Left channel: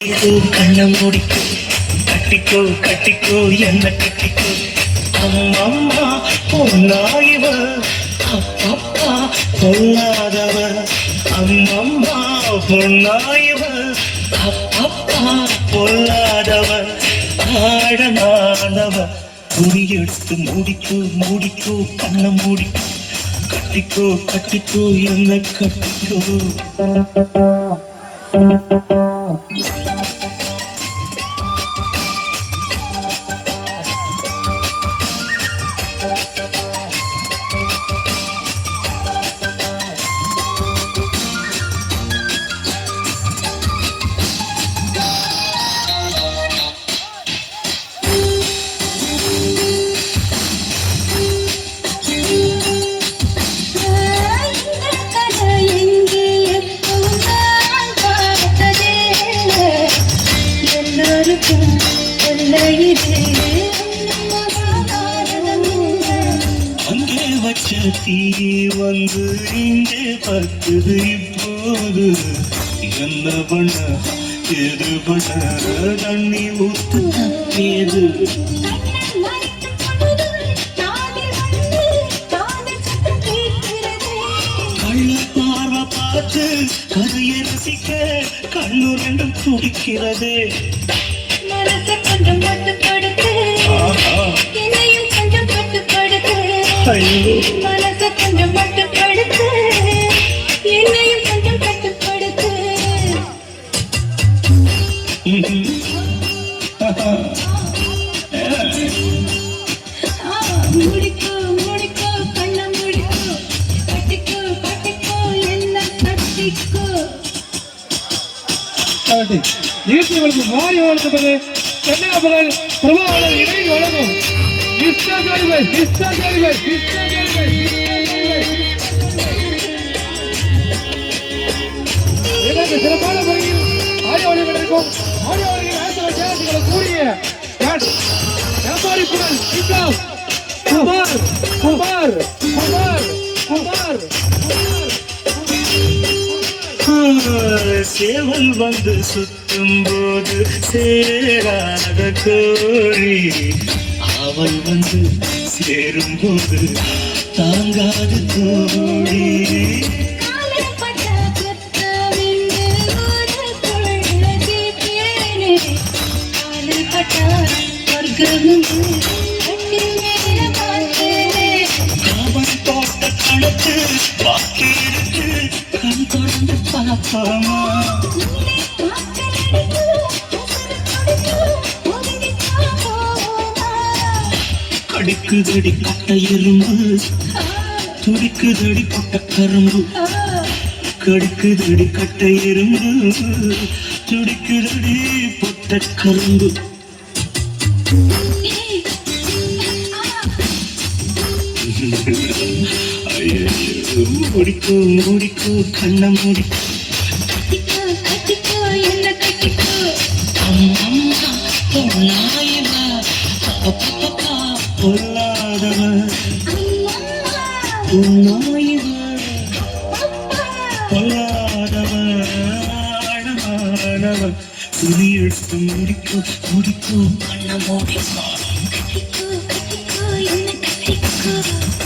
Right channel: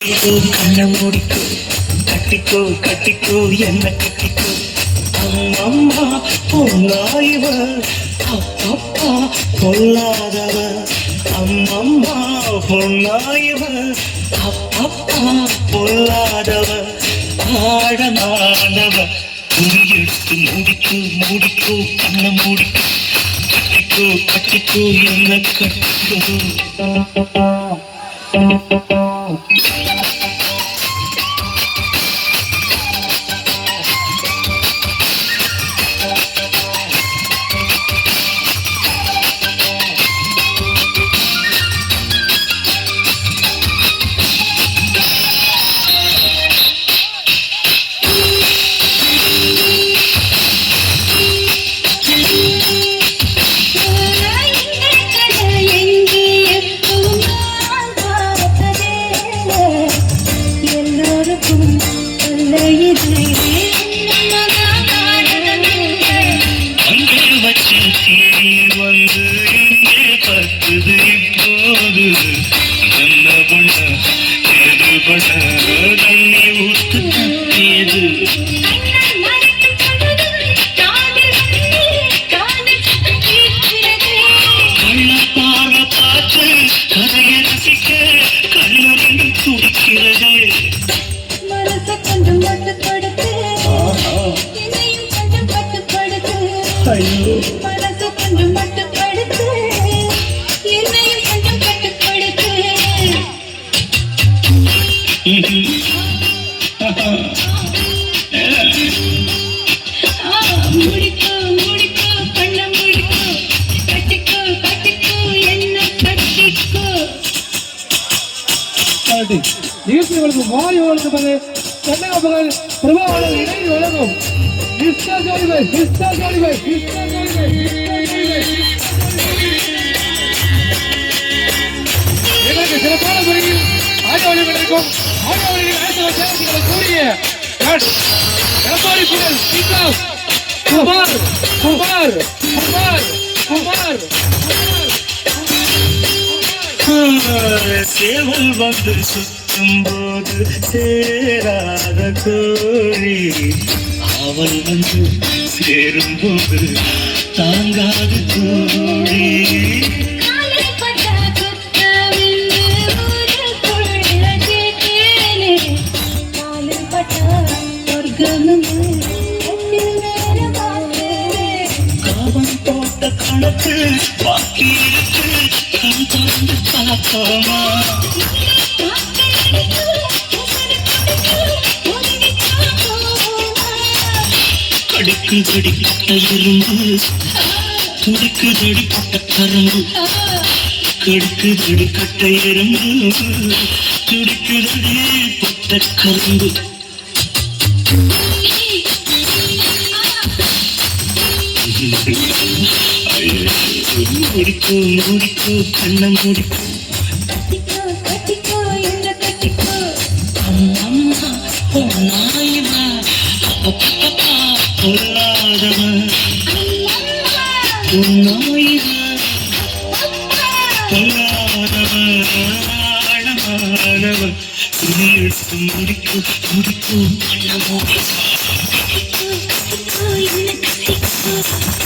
கண்ண மூடிக்கோ, கட்டிக்கோ கட்டிக்கோ என்ன கட்டிக்கோ. அம்மம்மா பொன்னாயிவ, அப்பப்பா பொல்லாதவ. அம்மம்மா பொன்னாயிவ, அப்பப்பா பொல்லாதவ. ஆழமானவ குறியெடுத்து மூடிக்கோ மூடிக்கோ கண்ண மூடிக்கோ. கட்டிக்கோ கட்டிக்கோ என்ன கட்டிக்கோ. அங்கே வச்ச தீ வந்து இங்கே பத்துது இப்போது. என்ன பண்ண எது பண்ண தண்ணி ஊத்து ஏது. கள்ள பார்வை பார்த்து கதையை ரசிக்க கண்ணு ரெண்டு துடிக்கிறது. கொஞ்சம் கட்டுப்படுத்து, இதையும் கொஞ்சம் கட்டுப்படுத்து. மனசு கொஞ்சம் கட்டுப்படுத்து, என்னையும் கொஞ்சம் கட்டுப்படுத்து. முடிக்கோ முடிக்கோ கண்ண முடிக்கோ. கட்டிக்கோ கட்டிக்கோ என்ன கட்டிக்கோ. இயற்கைகளுக்கு மாறி வளர்ந்தது கண்ணக மகள் பிரபாவளம் இணைந்து வழங்கும் எங்களுக்கு சிறப்பான முறையில் ஆடியோக்கும் ஆடியோவில் ஆயிரத்தி சேவங்களை கூடிய குமார் குமார் குமார் குமார் சேவல் வந்து சுத்தும் போது சேராத கோரி, அவள் வந்து சேரும் போது தாங்காது கோரி. காவல் போட்ட குளத்து பாக்கி இருக்கு கண் திறந்து பார்ப்போமா. கடிக்குதடி பட்ட எறும்பு, துடிக்குதடி பட்ட கரும்பு. கடிக்குதடி கட்ட எறும்பு, துடிக்குதடி பட்ட கரும்பு. முடிக்கோ முடிக்கோ கண்ண முடிக்கோ. கட்டிக்கோ என்ன கட்டிக்கோ. அம்மம்மா பொன்னாயிவ, அப்பப்பா பொல்லாதவ. பொன்னாயிவ பொல்லாதவ. ஆழமானவ குறியெடுத்து முடிக்கோ முடிக்கோ கண்ண முடிக்கோ. கட்டிக்கோ என்ன கட்டிக்கோ.